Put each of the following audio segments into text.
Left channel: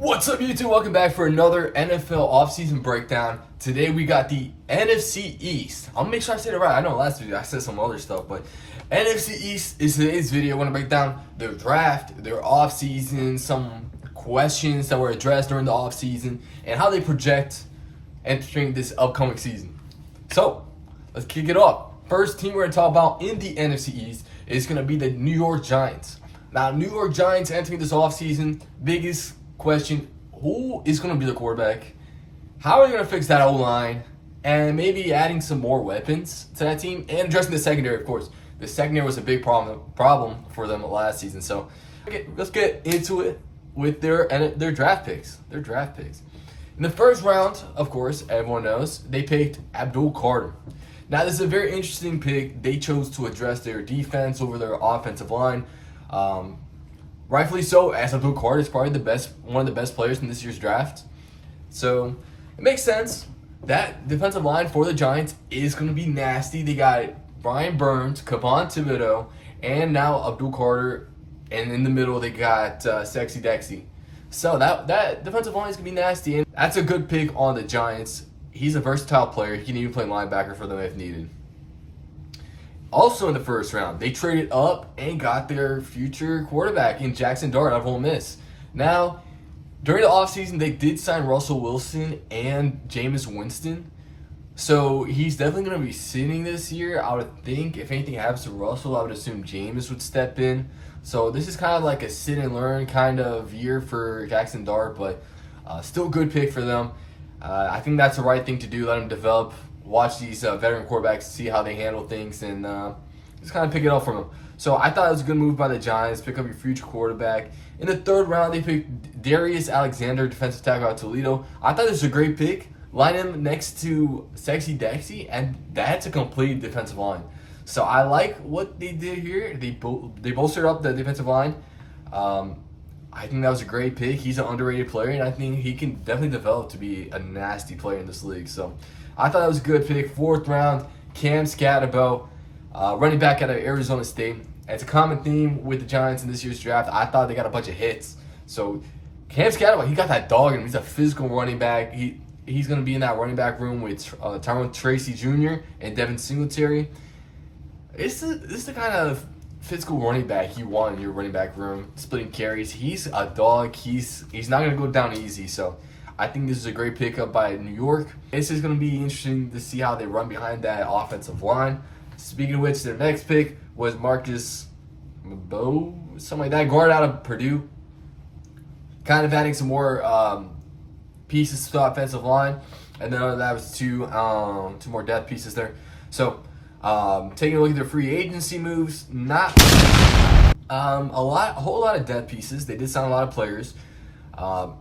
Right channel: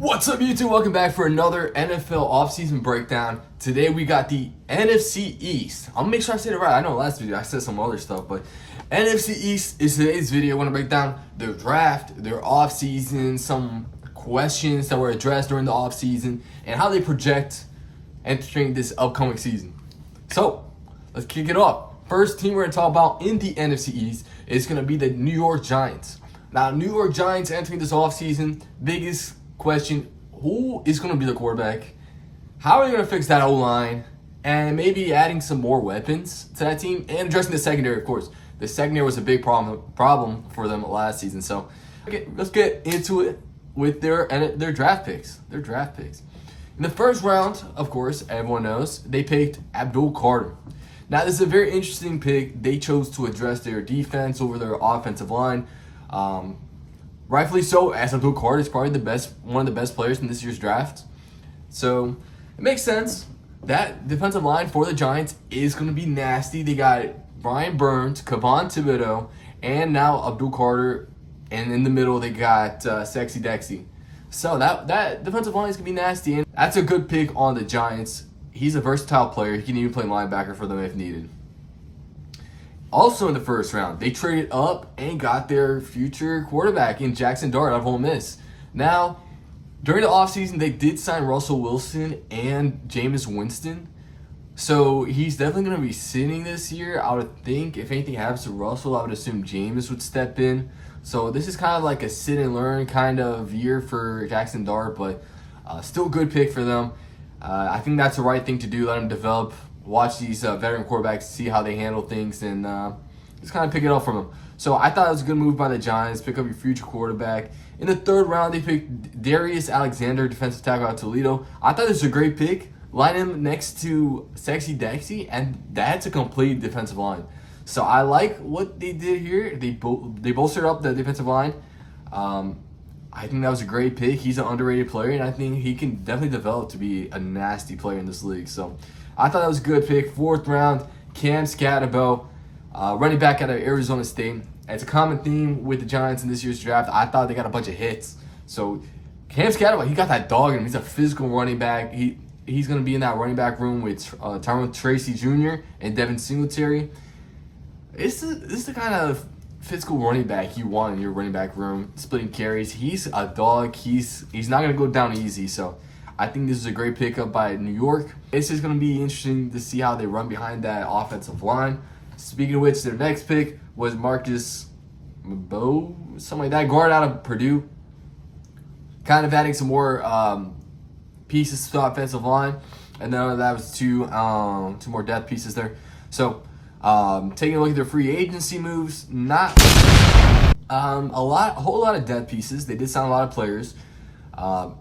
What's up, YouTube? Welcome back for another NFL offseason breakdown. Today we got the NFC East. I'm gonna make sure I say it right. I know last video I said some other stuff, but NFC East is today's video. I want to break down their draft, their offseason, some questions that were addressed during the offseason, and how they project entering this upcoming season. So let's kick it off. First team we're gonna talk about in the NFC East is gonna be the New York Giants. Now, New York Giants entering this offseason, biggest question: who is going to be the quarterback? How are they going to fix that O-line? And maybe adding some more weapons to that team and addressing the secondary, of course. The secondary was a big problem for them last season. So let's get into it with their draft picks. Their draft picks. In the first round, of course, everyone knows, they picked Abdul Carter. Now, this is a very interesting pick. They chose to address their defense over their offensive line. Rightfully so, as Abdul Carter is probably one of the best players in this year's draft. So it makes sense. That defensive line for the Giants is going to be nasty. They got Brian Burns, Kayvon Thibodeaux, and now Abdul Carter. And in the middle, they got Sexy Dexy. So that defensive line is going to be nasty. And that's a good pick on the Giants. He's a versatile player. He can even play linebacker for them if needed. Also in the first round, they traded up and got their future quarterback in Jackson Dart out of Ole Miss. Now, during the offseason, they did sign Russell Wilson and Jameis Winston. So he's definitely going to be sitting this year. I would think if anything happens to Russell, I would assume Jameis would step in. So this is kind of like a sit and learn kind of year for Jackson Dart, but still a good pick for them. I think that's the right thing to do. Let him develop. Watch these veteran quarterbacks, see how they handle things, and just kind of pick it up from them. So I thought it was a good move by the Giants. Pick up your future quarterback. In the third round, they picked Darius Alexander, defensive tackle out of Toledo. I thought this was a great pick. Line him next to Sexy Dexy, and that's a complete defensive line. So I like what they did here. They bolstered up the defensive line. I think that was a great pick. He's an underrated player, and I think he can definitely develop to be a nasty player in this league. So I thought that was a good pick. Fourth round, Cam Scatterbo, running back out of Arizona State. It's a common theme with the Giants in this year's draft. I thought they got a bunch of hits. So Cam Scatterbo, he got that dog in him. He's a physical running back. He's going to be in that running back room with Tyrone Tracy Jr. and Devin Singletary. This is the kind of physical running back you want in your running back room, splitting carries. He's a dog. He's not going to go down easy. So I think this is a great pickup by New York. This is going to be interesting to see how they run behind that offensive line. Speaking of which, their next pick was Marcus Bow, something like that, guard out of Purdue. Kind of adding some more pieces to the offensive line. And then that was two more depth pieces there. So taking a look at their free agency moves, not a whole lot of depth pieces. They did sign a lot of players.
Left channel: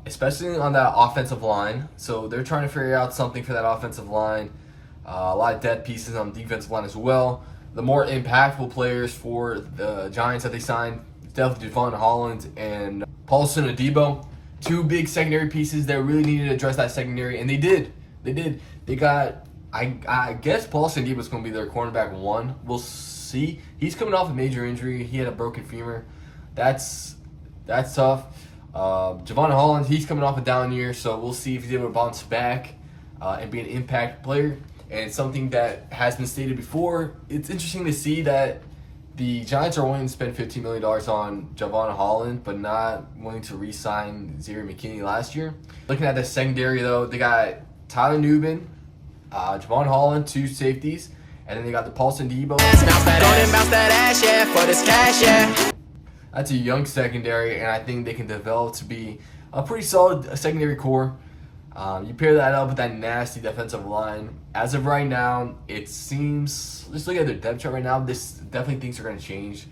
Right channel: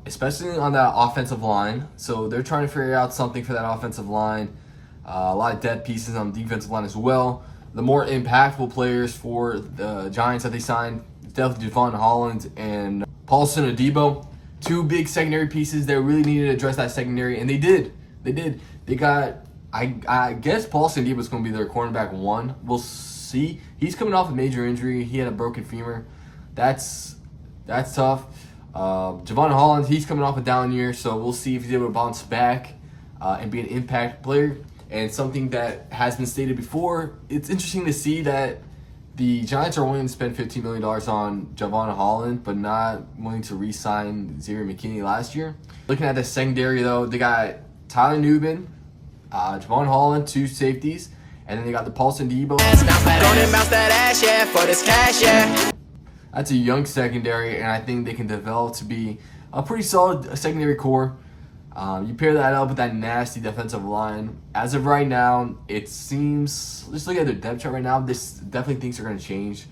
Especially on that offensive line. So they're trying to figure out something for that offensive line. A lot of depth pieces on the defensive line as well. The more impactful players for the Giants that they signed, definitely Javon Holland and Paulson Adebo. Two big secondary pieces that really needed to address that secondary, and they did. They got, I guess Paulson Adebo is going to be their cornerback one. We'll see. He's coming off a major injury. He had a broken femur. That's tough. Javon Holland, he's coming off a down year, so we'll see if he's able to bounce back and be an impact player. And something that has been stated before, it's interesting to see that the Giants are willing to spend $15 million on Javon Holland, but not willing to re-sign Xavier McKinney last year. Looking at the secondary, though, they got Tyler Nubin, Javon Holland, two safeties, and then they got the Paulson Adebo. That's a young secondary, and I think they can develop to be a pretty solid secondary core. You pair that up with that nasty defensive line. As of right now, it seems, just look at their depth chart right now, this definitely things are going to change.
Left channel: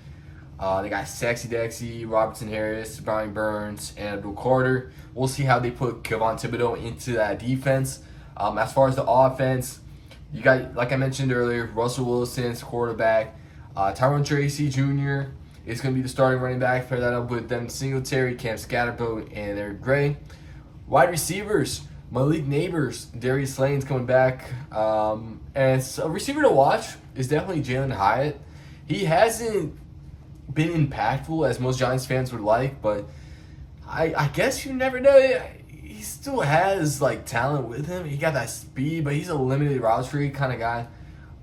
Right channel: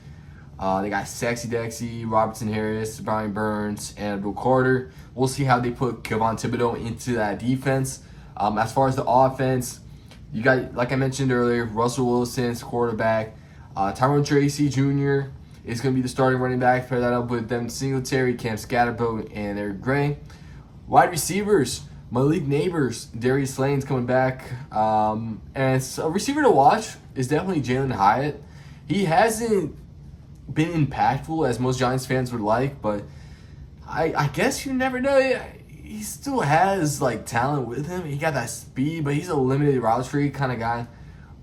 They got Sexy Dexy, Robertson Harris, Brian Burns, and Abdul Carter. We'll see how they put Kayvon Thibodeaux into that defense. As far as the offense, you got, like I mentioned earlier, Russell Wilson's quarterback, Tyrone Tracy Jr. is going to be the starting running back. Pair that up with Devin Singletary, Cam Scatterbo, and Eric Gray. Wide receivers, Malik Neighbors, Darius Slayton's coming back. And a receiver to watch is definitely Jalen Hyatt. He hasn't been impactful as most Giants fans would like, but I guess you never know. He still has like talent with him. He got that speed, but he's a limited route tree kind of guy.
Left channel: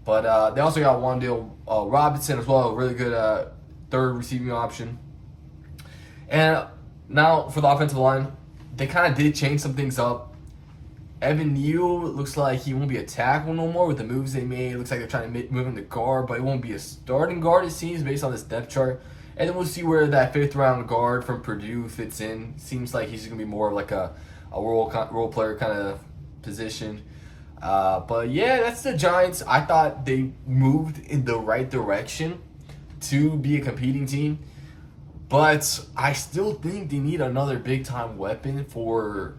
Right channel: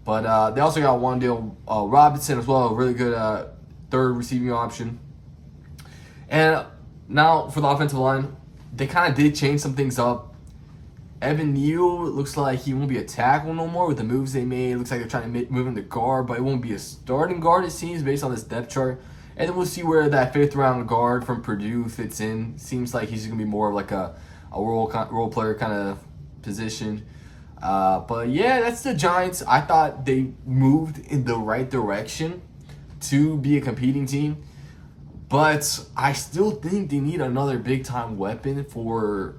But they also got Wan'Dale Robinson as well, a really good third receiving option. And now for the offensive line, they kind of did change some things up. Evan Neal looks like he won't be a tackle no more with the moves they made. It looks like they're trying to move him to guard, but it won't be a starting guard, it seems, based on this depth chart. And then we'll see where that fifth round guard from Purdue fits in. Seems like he's going to be more of like a role player kind of position. But yeah, that's the Giants. I thought they moved in the right direction to be a competing team. But I still think they need another big time weapon for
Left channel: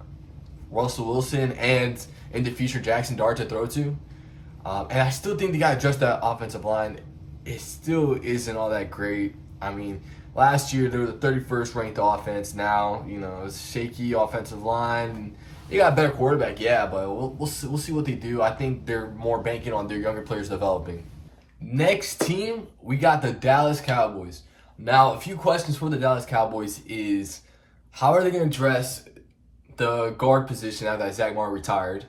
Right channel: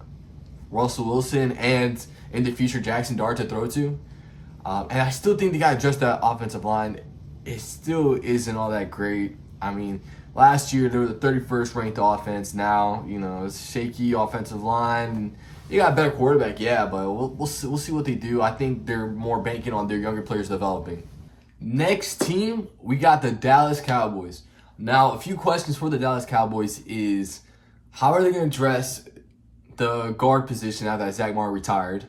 Russell Wilson and in the future Jackson Dart to throw to. And I still think they got to adjust that offensive line. It still isn't all that great. I mean, last year they were the 31st ranked offense. Now, it's shaky offensive line. They got a better quarterback, yeah, but we'll see what they do. I think they're more banking on their younger players developing. Next team, we got the Dallas Cowboys. Now, a few questions for the Dallas Cowboys is, how are they going to address the guard position now that Zach Martin retired?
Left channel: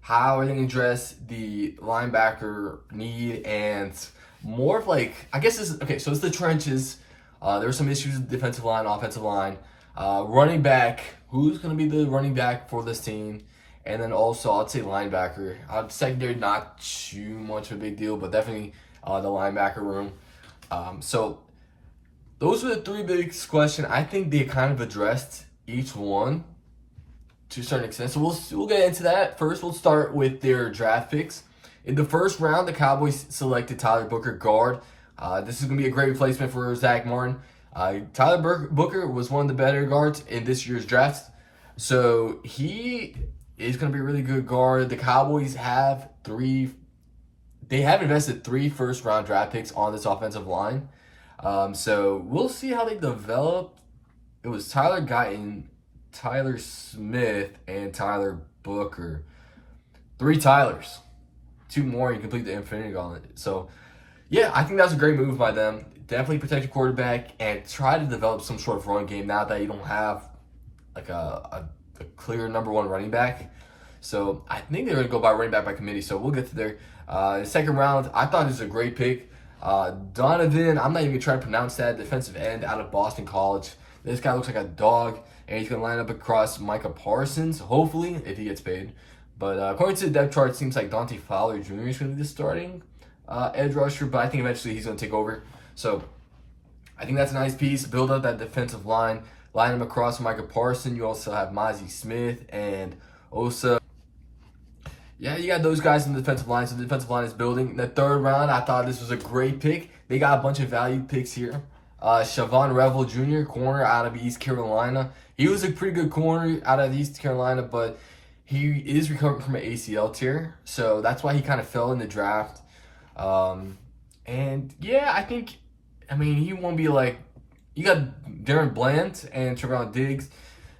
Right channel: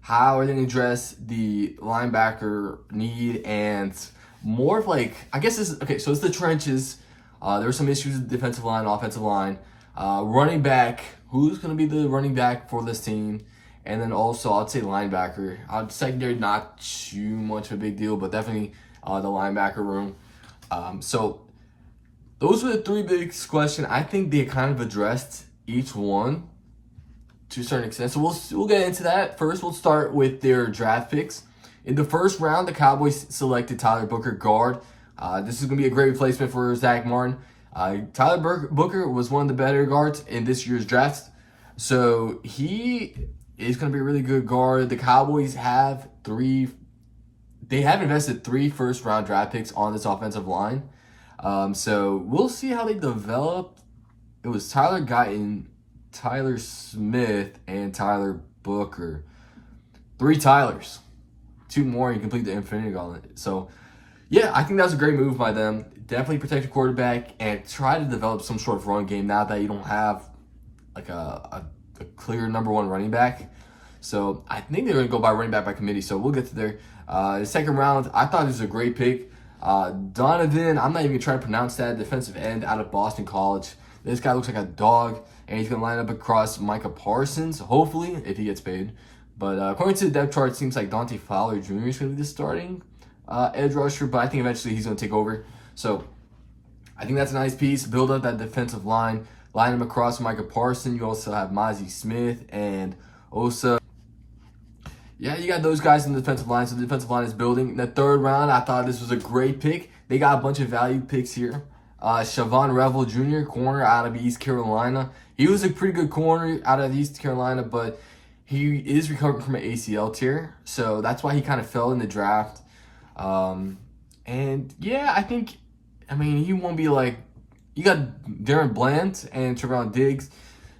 How are they going to address the linebacker need? And more of like, I guess this is, okay, so it's the trenches. There were some issues with defensive line, offensive line. Running back, who's going to be the running back for this team? And then also, I'd say linebacker. Secondary, not too much of a big deal, but definitely the linebacker room. So those are the three big questions. I think they kind of addressed each one to a certain extent. So we'll get into that. First, we'll start with their draft picks. In the first round, the Cowboys selected Tyler Booker, guard. This is going to be a great replacement for Zach Martin. Tyler Booker was one of the better guards in this year's draft. So he is going to be a really good guard. The Cowboys have invested 3 first-round draft picks on this offensive line. So we'll see how they develop. It was Tyler Guyton, Tyler Smith, and Tyler Booker. 3 Tylers. 2 more, you complete the Infinity Gauntlet. So, yeah, I think that was a great move by them. Definitely protect your quarterback and try to develop some sort of run game now that you don't have like a clear number 1 running back. So, I think they're going to go by running back by committee. So, we'll get to there. The second round, I thought it was a great pick. Donovan, I'm not even trying to pronounce that, defensive end out of Boston College. This guy looks like a dog, and he's going to line up across Micah Parsons, hopefully, if he gets paid. But according to the depth chart, it seems like Dante Fowler Jr. is going to be the starting edge rusher, but I think eventually he's going to take over. So I think that's a nice piece. Build up that defensive line, line him across Micah Parsons. You also have Mozzie Smith and Osa. Yeah, you got those guys in the defensive line, so the defensive line is building. In the third round, I thought this was a great pick. They got a bunch of value picks here. Shavon Revel Jr., corner out of East Carolina. He was a pretty good corner out of East Carolina, but he is recovering from an ACL tear, so that's why he kind of fell in the draft. And yeah, he won't be like, you got Darren Bland and Trevon Diggs.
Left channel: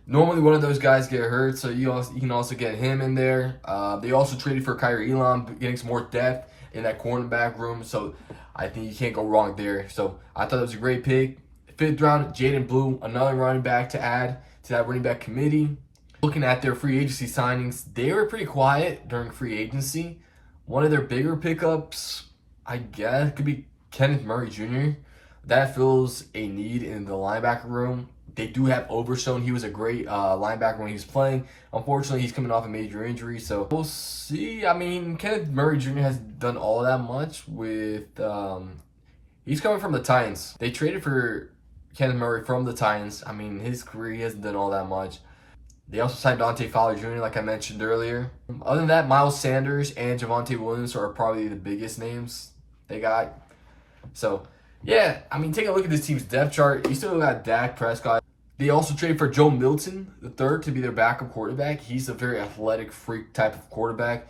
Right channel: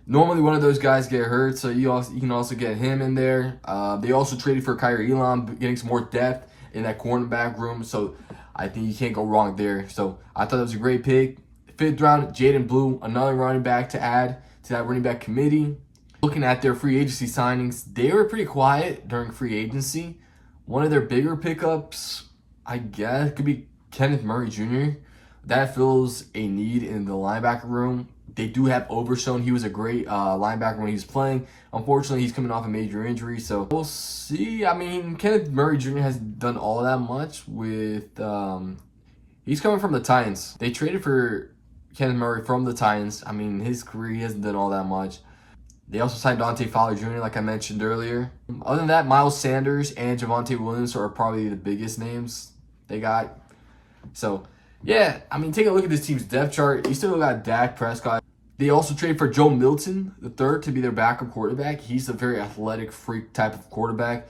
Normally one of those guys get hurt, so you can also get him in there. They also traded for Kyrie Elam, getting some more depth in that cornerback room, so I think you can't go wrong there. So I thought it was a great pick. 5th round, Jaden Blue, another running back to add to that running back committee. Looking at their free agency signings, they were pretty quiet during free agency. One of their bigger pickups, I guess, could be Kenneth Murray Jr. That fills a need in the linebacker room. They do have Overstone. He was a great linebacker when he was playing. Unfortunately, he's coming off a major injury, so we'll see. Kenneth Murray Jr. hasn't done all that much with... he's coming from the Titans. They traded for Kenneth Murray from the Titans. His career, he hasn't done all that much. They also signed Dante Fowler Jr., like I mentioned earlier. Other than that, Miles Sanders and Javonte Williams are probably the biggest names they got. So, yeah, take a look at this team's depth chart. You still got Dak Prescott. They also traded for Joe Milton III to be their backup quarterback. He's a very athletic freak type of quarterback.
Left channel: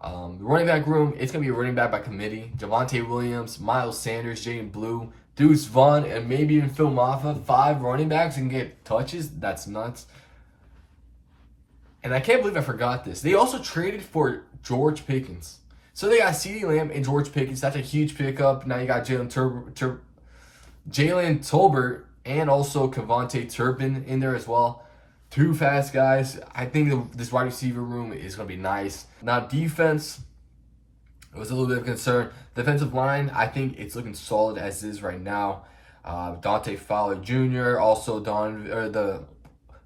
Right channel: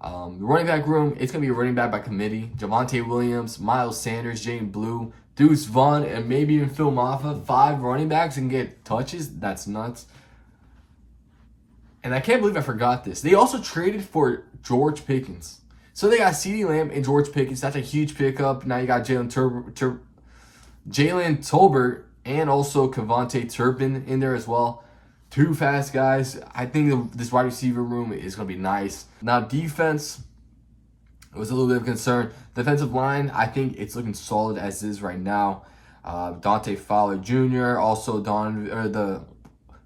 The running back room, it's going to be a running back by committee. Javonte Williams, Miles Sanders, Jaden Blue, Deuce Vaughn, and maybe even Phil Maffa. 5 running backs and get touches. That's nuts. And I can't believe I forgot this. They also traded for George Pickens. So they got CeeDee Lamb and George Pickens. That's a huge pickup. Now you got Jalen Tolbert and also Kevontae Turpin in there as well. Two fast guys. I think this wide receiver room is going to be nice. Now, defense, it was a little bit of concern. Defensive line, I think it's looking solid as is right now. Dante Fowler Jr., also the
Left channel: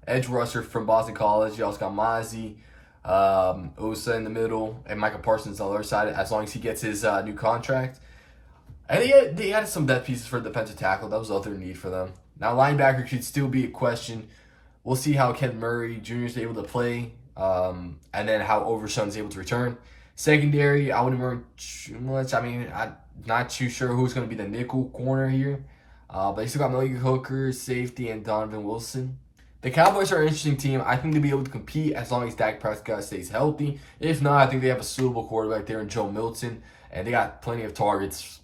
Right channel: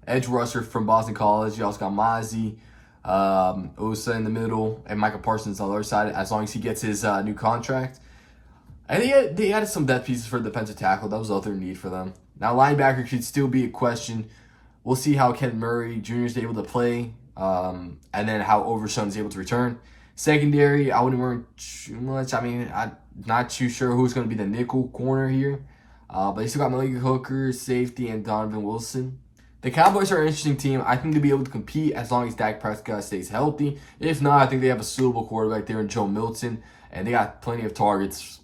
edge rusher from Boston College. You also got Mozzie, Osa in the middle, and Micah Parsons on the other side, as long as he gets his new contract. And they had some depth pieces for defensive tackle. That was the other need for them. Now, linebacker could still be a question. We'll see how Ken Murray Jr. is able to play, and then how Overshown is able to return. Secondary, I wouldn't worry too much. I mean, I'm not too sure who's going to be the nickel corner here. But they still got Malik Hooker, safety, and Donovan Wilson. The Cowboys are an interesting team. I think they'll be able to compete as long as Dak Prescott stays healthy. If not, I think they have a suitable quarterback there in Joe Milton. And they got plenty of targets.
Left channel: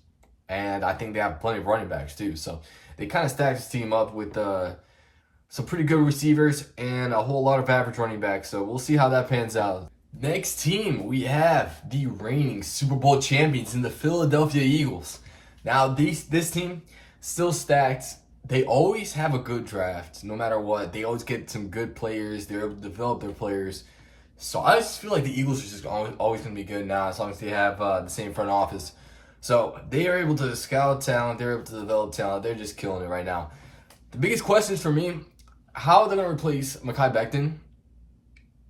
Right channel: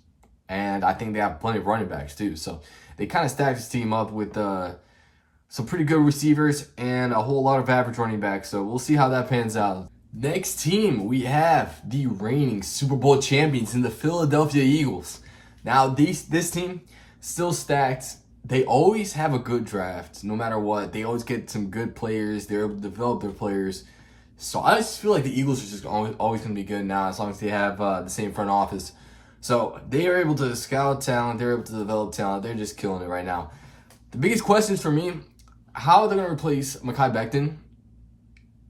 And I think they have plenty of running backs too. So they kind of stacked this team up with some pretty good receivers and a whole lot of average running backs. So we'll see how that pans out. Next team, we have the reigning Super Bowl champions in the Philadelphia Eagles. Now, this team still stacked. They always have a good draft, no matter what. They always get some good players. They're able to develop their players. So I just feel like the Eagles are just always going to be good now, as long as they have the same front office. So they are able to scout talent. They're able to develop talent. They're just killing it right now. The biggest questions for me, how are they going to replace Mekhi Becton?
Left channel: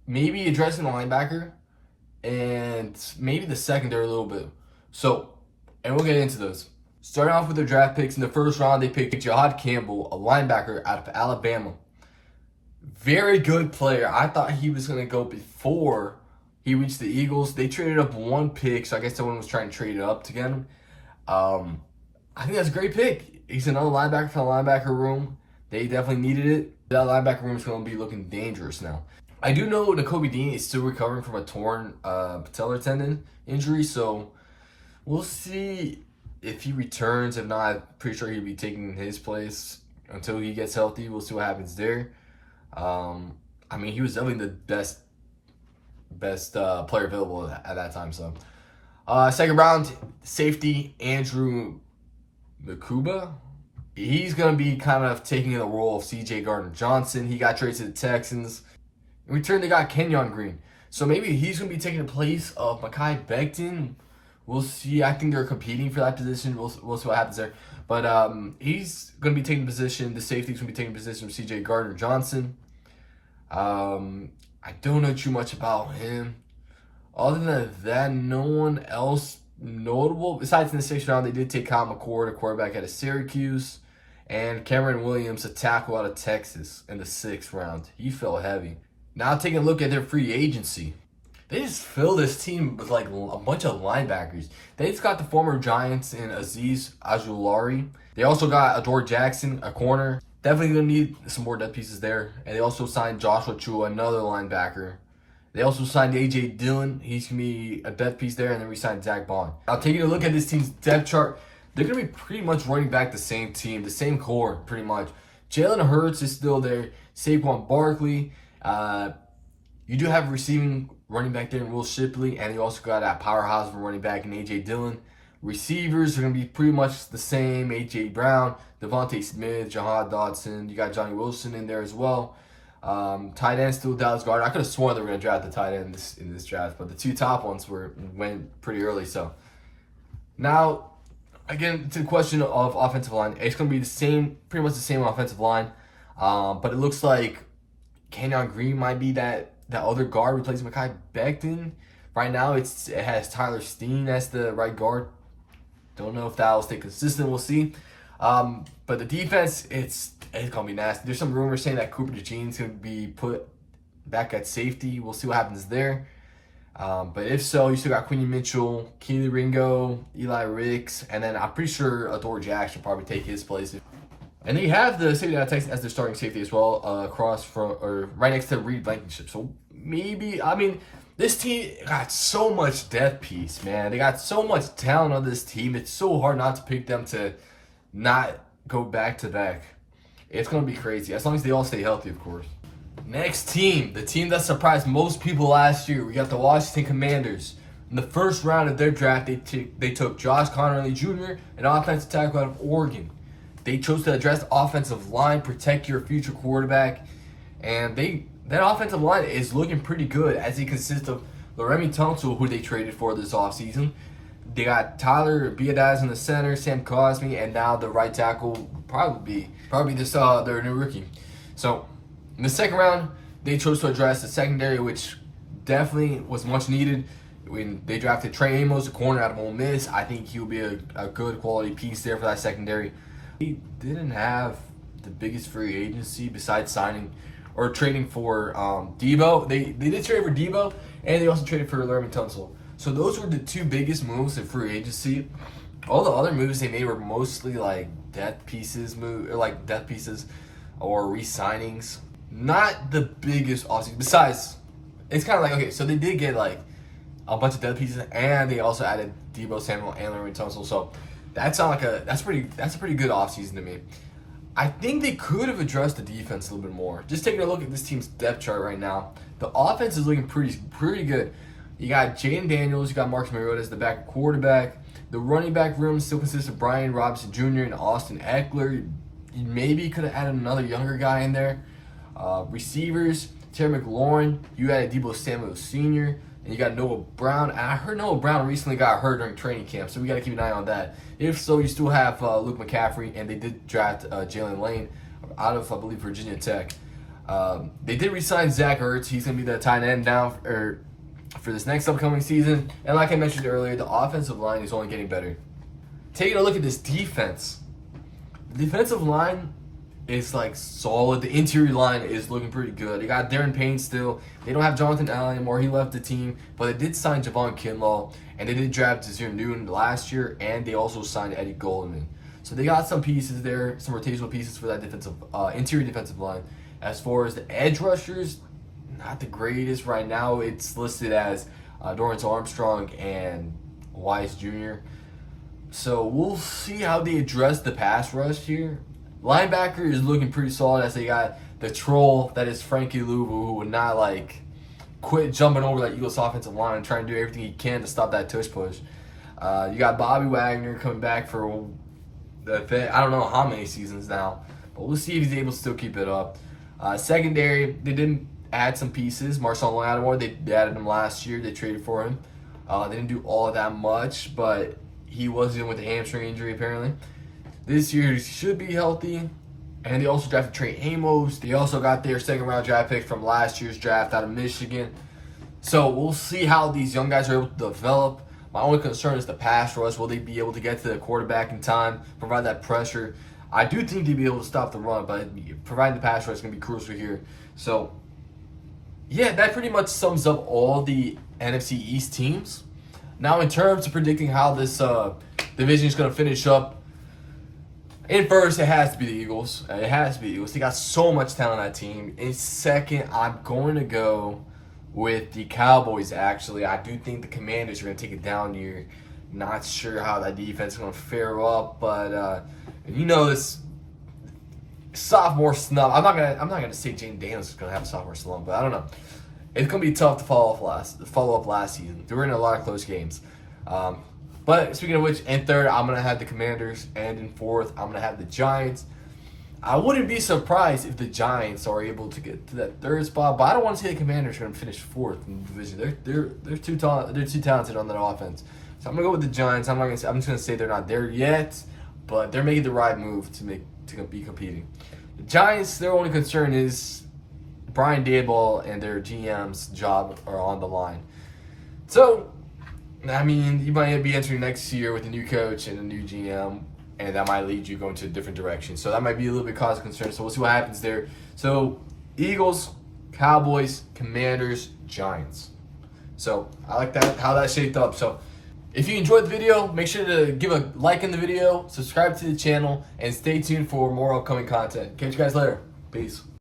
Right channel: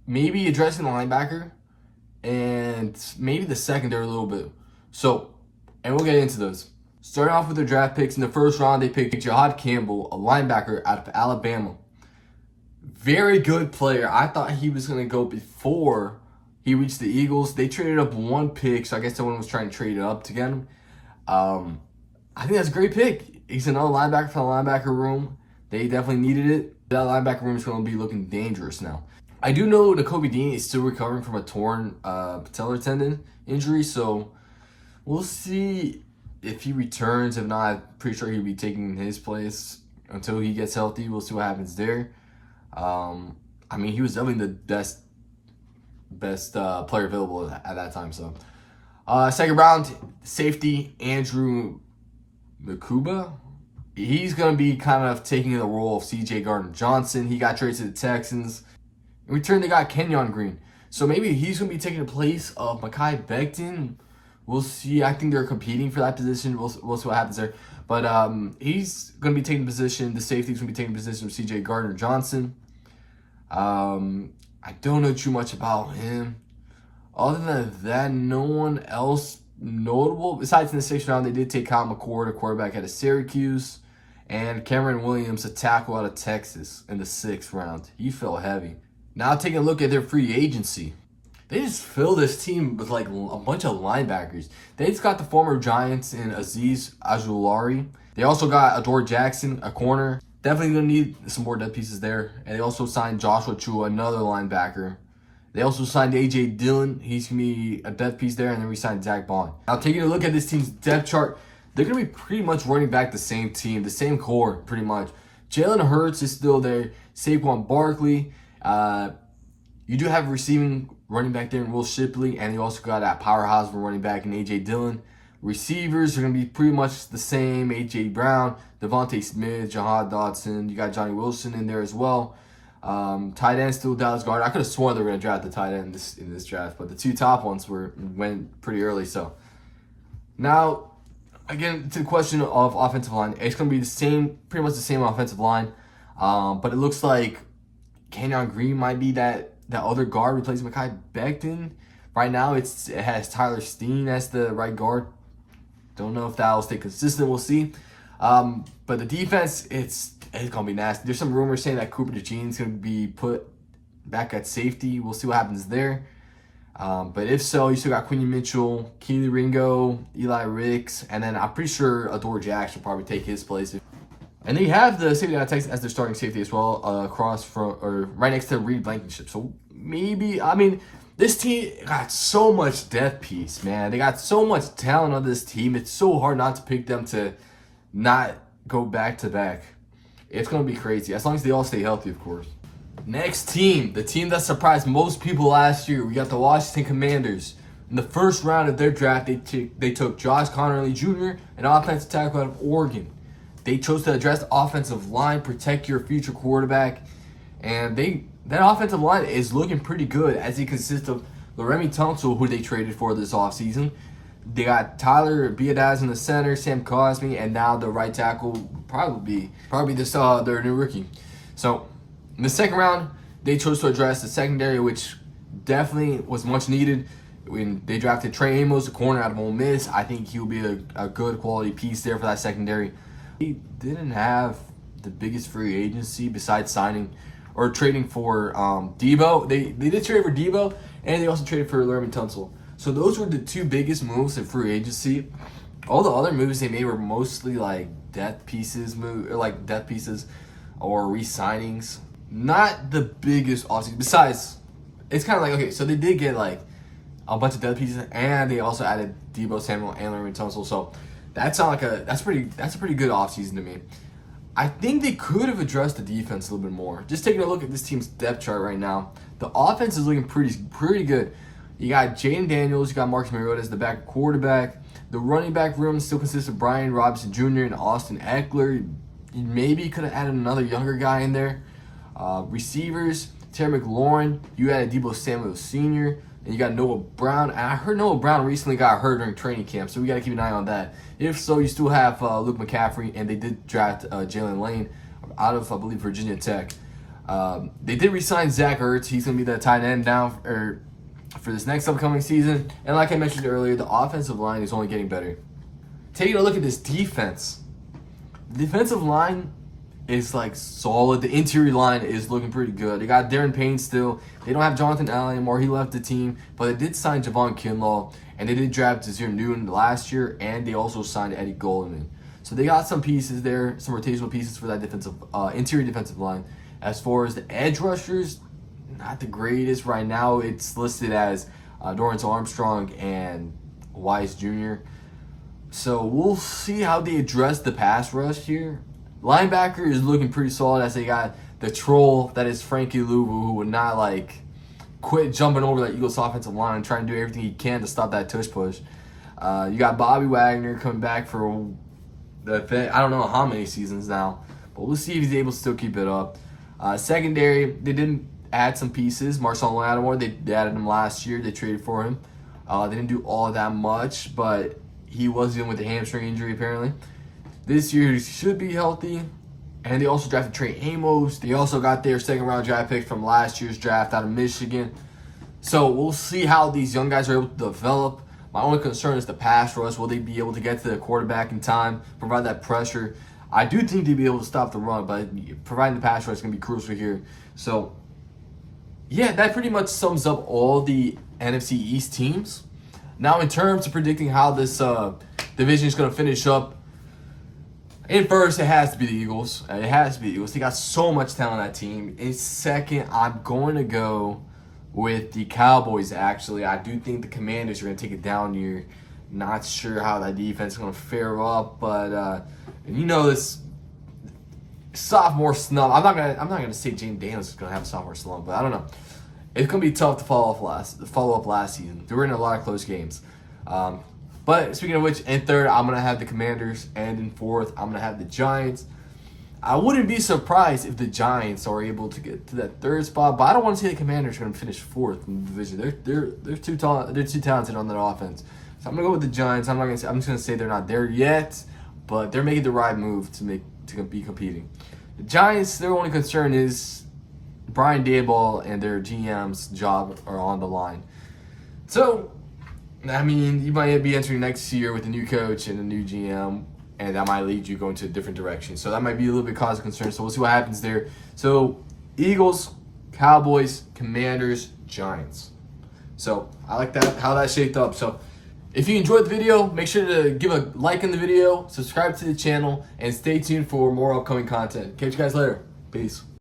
Maybe addressing the linebacker, and maybe the secondary a little bit. So, and we'll get into those. Starting off with their draft picks, in the first round, they picked Jahad Campbell, a linebacker out of Alabama. Very good player. I thought he was going to go before he reached the Eagles. They traded up one pick, so I guess someone was trying to trade it up to get him. I think that's a great pick. He's another linebacker for the linebacker room. They definitely needed it. That linebacker room is going to be looking dangerous now. I do know that Kobe Dean is still recovering from a torn patellar tendon injury, so we'll see if he returns. If not, I'm pretty sure he'll be taking his place until he gets healthy. We'll see what happens there. I mean, he was definitely the best player available at that time. So, second round, safety Andrew Makuba. He's going to be kind of taking the role of C.J. Gardner-Johnson. He got traded to the Texans. In return, they got Kenyon Green. So maybe he's going to be taking the place of Mekhi Becton. We'll see. I think they're competing for that position. We'll see what happens there. But he's going to be taking position. The safety's going to be taking position of C.J. Gardner-Johnson. I don't know too much about him. Other than that, no one else notable. Besides in the 6th round, they did take Kyle McCord, a quarterback out of Syracuse, and Cameron Williams, a tackle out of Texas, in the 6th round. He fell heavy. Now taking a look at their free agency. They just filled this team with like a bunch of linebackers. They just got the former Giants in Azeez Ojulari. They also got Adore Jackson, a corner. Definitely going to need some more depth pieces there. And they also signed Joshua Chua, another linebacker. They also signed A.J. Dillon. He's going to be a depth piece there. And then we signed Zach Bond. Now, taking a look at this team's depth chart, they're going to be pretty much running back the same team, the same core, pretty much. Jalen Hurts is still there. Saquon Barkley. You do have a receiving running back there in Will Shipley. And you also got that powerhouse of a running back in A.J. Dillon. Receivers are going to be pretty much the same. A.J. Brown, Devontae Smith, Jahad Dotson. You got Johnny Wilson in there as well. Tight end still Dallas Goedert. I could have sworn they were going to draft the tight end in this draft, but the two top ones went pretty early. So now, again, to the question of offensive line, it's going to be pretty much the same offensive line. But it looks like Kenyon Green might be that other guard replacing Mekhi Becton. Right now, it has Tyler Steen as the right guard. Don't know if that will stay consistent. We'll see. But the defense, it's going to be nasty. There's some rumors saying that Cooper DeJean's going to be put back at safety. We'll see what happens there. But if so, you still got Quincy Mitchell, Keely Ringo, Eli Ricks, and then I'm pretty sure Adore Jackson will probably take his place. And they have the safety out of Texas as their starting safety as well, right next to Reed Blankenship. So maybe, I mean, this team got so much depth piece, man. They got so much talent on this team. It's so hard not to pick them to not go back to back. It's going to be crazy, as long as they all stay healthy, of course. Next team, the team that surprised most people last year. We got the Washington Commanders. In the first round of their draft, they took Josh Connerly Jr., an offensive tackle out of Oregon. They chose to address the offensive line, protect your future quarterback, and that offensive line is looking pretty good as it consists of Laramie Tunsil, who they traded for this offseason. They got Tyler Biadasz in the center, Sam Cosmi, and now the right tackle will probably this their new rookie. So in the second round, they chose to address the secondary, which definitely was much needed. When they drafted Trey Amos, a corner out of Ole Miss, I think he'll be a good quality piece there for that secondary. He didn't have the biggest free agency besides signing or trading for Debo. They did trade for Debo, and they also traded for Laramie Tunsil. So those were the two biggest moves in free agency. All the other moves they made were mostly like depth pieces or re-signings. Not the biggest offseason. Besides, it's kind of like, okay, so they did get like a bunch of depth pieces, and they also added Debo Samuel and Laramie Tunsil. So that's a pretty good offseason to me. I think they could have addressed the defense a little bit more. Just taking a look at this team's depth chart right now, the offense is looking pretty good. You got Jaden Daniels, you got Marcus Mariota as the back quarterback. The running back room still consists of Brian Robinson Jr. and Austin Eckler. You maybe could have added another younger guy in there. Receivers, Terry McLaurin. You added Debo Samuel Sr. And you got Noah Brown. And I heard Noah Brown recently got hurt during training camp, so we got to keep an eye on that. If so, you still have Luke McCaffrey, and they did draft Jalen Lane out of, I believe, Virginia Tech. They did re-sign Zach Ertz. He's going to be the tight end now for this next upcoming season. And like I mentioned earlier, the offensive line is only getting better. Taking a look at this defense. The defensive line is like solid. The interior line is looking pretty good. They got Darren Payne still. They don't have Jonathan Allen anymore. He left the team. But they did sign Javon Kinlaw. And they did draft Desir Newton last year. And they also signed Eddie Goldman. So they got some pieces there, some rotational pieces for that interior defensive line. As far as the edge rushers, not the greatest right now. It's listed as Dorrance Armstrong and Wise Jr. So we'll see how they address the pass rush here. Linebacker is looking pretty solid as they got the troll that is Frankie Louvu, who would not quit jumping over that Eagles offensive line and trying to do everything he can to stop that tush push. You got Bobby Wagner coming back for I don't know how many seasons now, but we'll see if he's able to still keep it up. Secondary, they didn't add some pieces. Marcel Lattimore, they added him last year. They traded for him. They didn't do all of that much, but he was dealing with a hamstring injury apparently. This year he should be healthy. And they also drafted Trey Amos. They also got their second round draft pick from last year's draft out of Michigan. So we'll see how these young guys are able to develop. My only concern is the pass rush. Will they be able to get to the quarterback in time, provide that pressure? I do think they'll be able to stop the run, but providing the pass rush is going to be crucial here. So, yeah, that pretty much sums up all the NFC East teams. Now, in terms of predicting how this division is going to finish up, in first, it has to be the Eagles. They got so much talent on that team. In second, I'm going to go with the Cowboys, actually. I do think the Commanders are going to take it down here. Not sure how that defense is going to fare up, but this sophomore slump. I'm not gonna say Jaden Daniels is going to have a sophomore slump, but I don't know. It's going to be tough to follow up last season. They were in a lot of close games. But speaking of which, in third, I'm going to have the Commanders. And in fourth, I'm going to have the Giants. I wouldn't be surprised if the Giants are able to get to that third spot. But I don't want to see the Commanders are going to finish fourth in the division. They're too talented on that offense. So I'm going to go with the Giants. I'm just going to say they're not there yet. But they're making the right move to be competing. The Giants, their only concern is Brian Daboll and their GM's job are on the line. So, I mean, you might be entering next year with a new coach and a new GM, and that might lead you going to a different direction. So that might be a little bit cause of concern. So we'll see what happens there. So Eagles, Cowboys, Commanders, Giants. So I like that, how that shaped up. So if you enjoyed the video, make sure to give a like in the video, subscribe to the channel, and stay tuned for more upcoming content. Catch you guys later. Peace.